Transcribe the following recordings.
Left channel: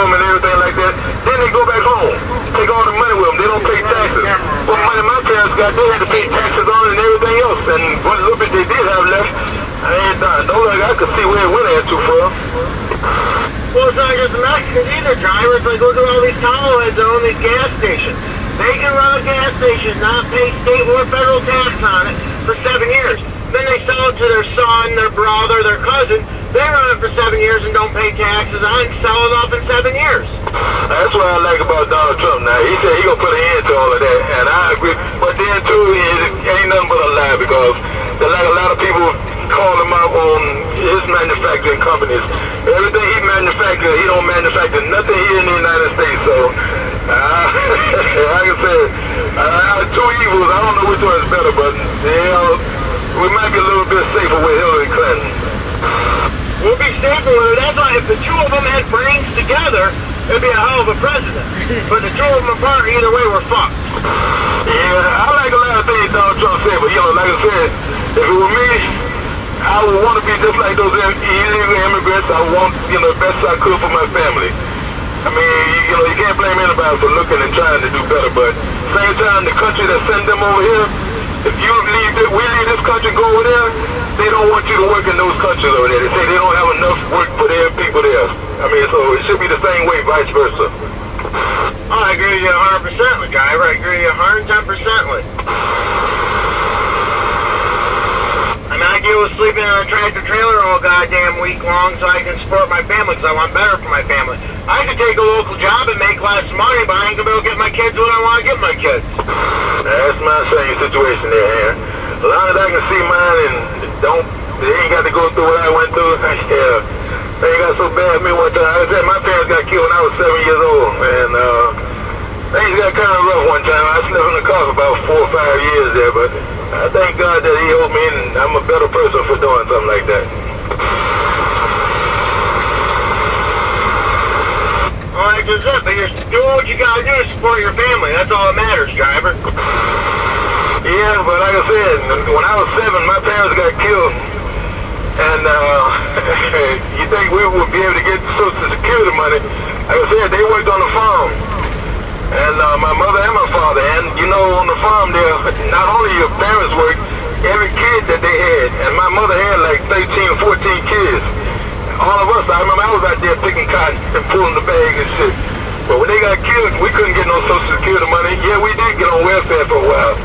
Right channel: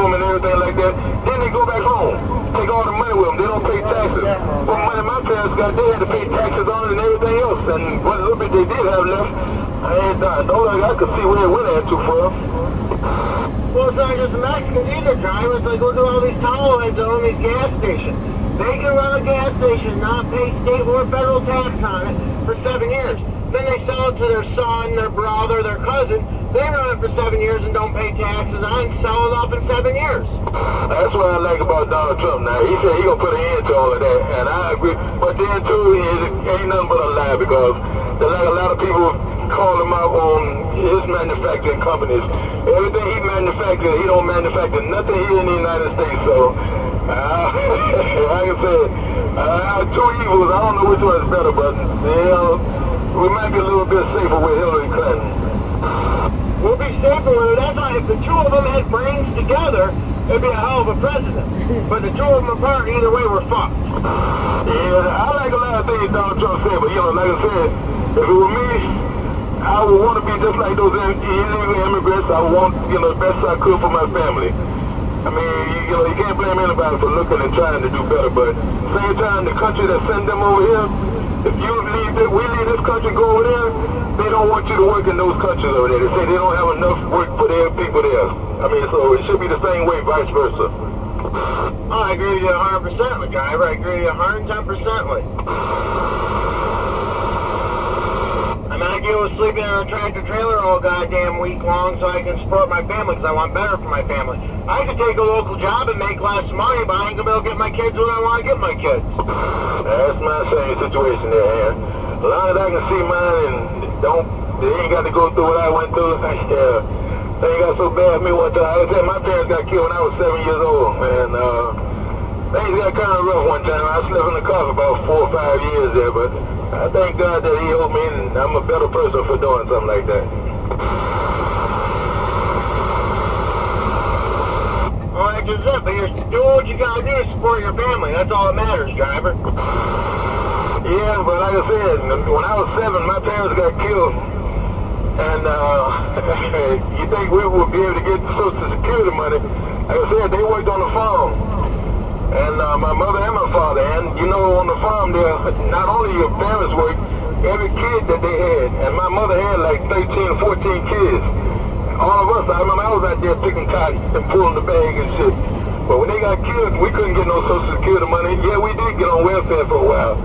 them and everything like that. Then they go back home, take all the money with them. They don't pay taxes. What money my parents got, they had to pay taxes on it and everything else. And what little bit they did have left, I ain't done. Don't like I could see where it went at too far. Well, it's not just the Mexicans either, drivers. Like, look at all these towelheads that own these gas stations. They can run a gas station, not pay state or federal tax on it for 7 years. Then they sell it to their son, their brother, their cousin. They run it for 7 years and don't pay taxes on it and sell it off in 7 years. That's what I like about Donald Trump now. He said he gonna put an end to all of that, and I agree. But then too, it ain't nothing but a lie because there's like a lot of people call him out on his manufacturing companies. Everything he manufactures, he don't manufacture nothing here in the United States. So, like I said, two evils. I don't know which one is better, but we might be a little bit safer with Hillary Clinton. We'll be safer with it. That's why if the two of them had brains together, it'd be a hell of a president. But the two of them apart, either way, we're fucked. Yeah, I like a lot of things Donald Trump said, but like I said, if it were me, I would want to be just like those illegal immigrants. I would want, the best I could for my family. I mean, you can't blame anybody for looking and trying to do better, but same time, the country that sent them over here, if we leave this country, go over there, they don't want you to work in those countries over there. They say they don't have enough work for their people there. I mean, so it should be the same way, vice versa. Oh, I agree with you 100% with Guy. I agree with you 110% with. I mean, I deal with sleeping in a tractor trailer all goddamn week long so I can support my family because I want better for my family. I could take a local job and make less money, but I ain't gonna be able to get my kids what I want to get my kids. That's my same situation there, man. As long as I can see mine and they ain't got to go through what I went through, yeah. They got so bad me one time. Like I said, my parents got killed when I was 7 years old, and things got kind of rough one time. I slept in the car for about 4 or 5 years there, but I thank God that he helped me, and I'm a better person for doing something like that. All right, just it, but you're doing what you gotta do to support your family. That's all that matters, driver. Yeah, but like I said, when I was 7, my parents got killed. And you think we would be able to get Social Security money? Like I said, they worked on the farm. And my mother and my father. And on the farm there, not only your parents worked, every kid that they had. And my mother had like 13 or 14 kids. All of us, I remember I was out there picking cotton and pulling the bag and shit. But when they got killed, we couldn't get no Social Security money. Yeah, we did get on welfare for a while.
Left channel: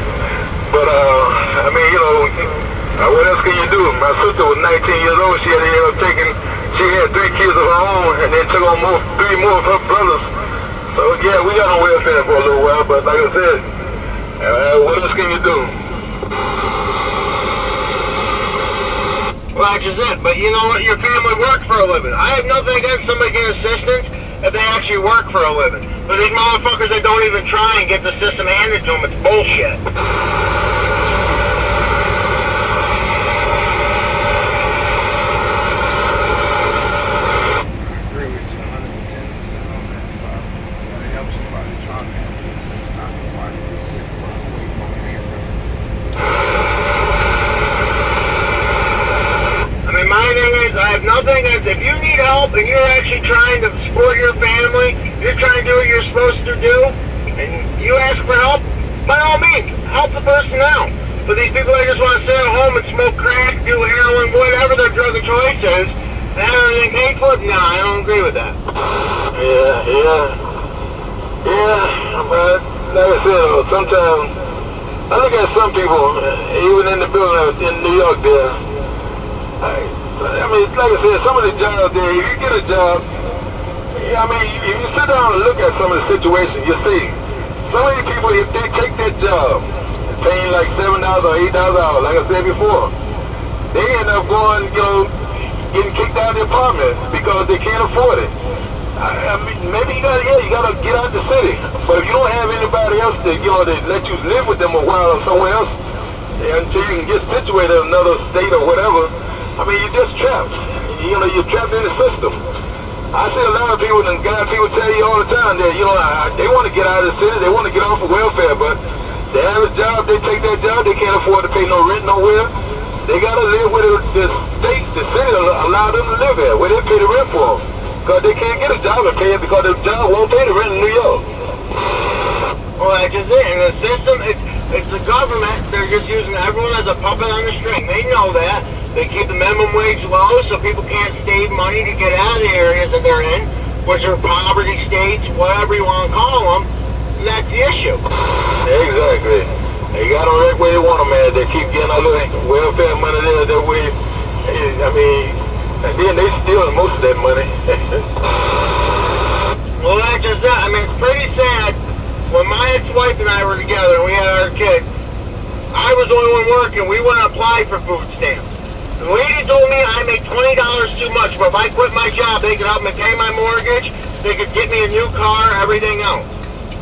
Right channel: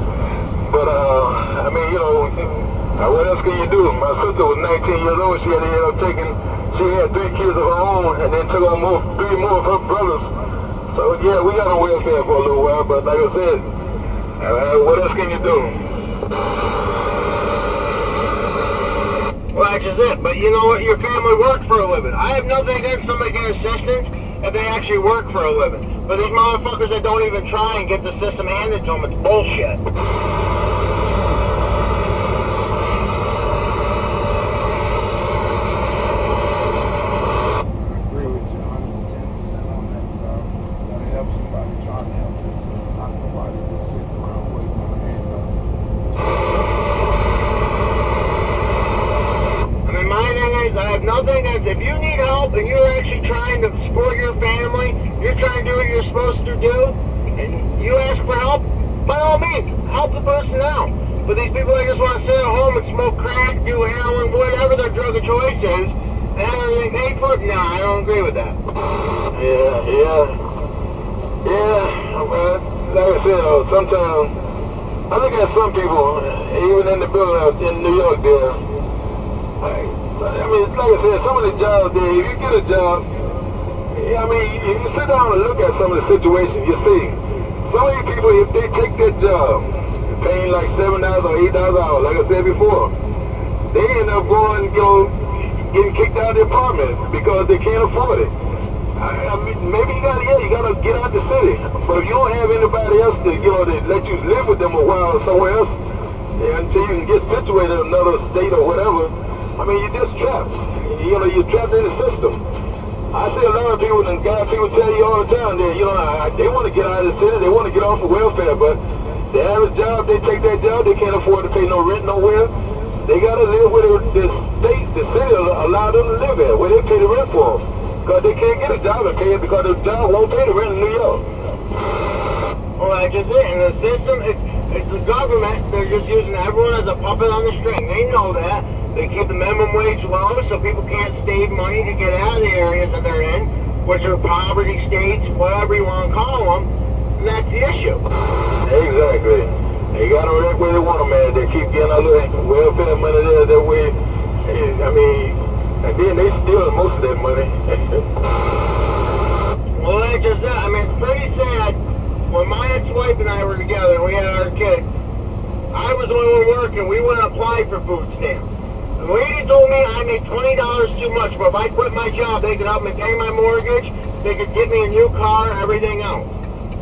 But, I mean, what else can you do? My sister was 19 years old. She had 3 kids of her own and then took on 3 more of her brothers. So, yeah, we got on welfare for a little while. But like I said, what else can you do? Well, that's just it. But you know what? Your family worked for a living. I have nothing against somebody getting assistance if they actually work for a living. But these motherfuckers that don't even try and get the system handed to them, it's bullshit. Nothing is, if you need help and you're actually trying to support your family, you're trying to do what you're supposed to do, and you ask for help, by all means, help the person out. But these people that just want to sit at home and smoke crack, do heroin, whatever their drug of choice is, and have everything paid for, no, I don't agree with that. Yeah, but like I said, sometimes, I look at some people, even in the building in New York there, I mean, like I said, some of the jobs there, if you get a job, I mean, if you sit down and look at some of the situations, you see, some of these people, if they take that job, paying like $7 or $8 an hour, like I said before, they end up going, getting kicked out of the apartment because they can't afford it. I mean, maybe you gotta get out the city, but if you don't have anybody else to, to let you live with them a while somewhere else, until you can get situated in another state or whatever, I mean, you're just trapped. You're trapped in the system. I see a lot of people, and people tell you all the time that, they want to get out of the city, they want to get off of welfare, but they have a job, they take that job, they can't afford to pay no rent nowhere. They got to live where the state, the city allow them to live at, where they pay the rent for them. Because they can't get a job and pay it because the job won't pay the rent in New York. Well, that's just it. And the system, it's the government. They're just using everyone as a puppet on the string. They know that. They keep the minimum wage low so people can't save money to get out of the areas that they're in, which are poverty states, whatever you want to call them. And that's the issue. Exactly. They got them that way they want them, man. They keep getting all the welfare money there that way. I mean, and then they steal most of that money. Well, that's just it. I mean, it's pretty sad. When my ex-wife and I were together and we had our kid, I was the only one working. We went and applied for food stamps. The lady told me I make $20 too much, but if I quit my job, they could help me pay my mortgage, they could get me a new car, everything else.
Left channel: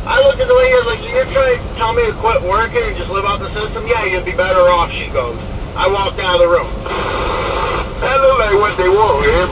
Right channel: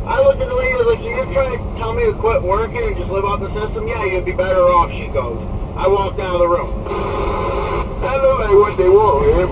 I looked at the lady, I was like, so you're trying to tell me to quit working and just live out the system? Yeah, you'd be better off, she goes. I walked out of the room. That look like what they want. Everybody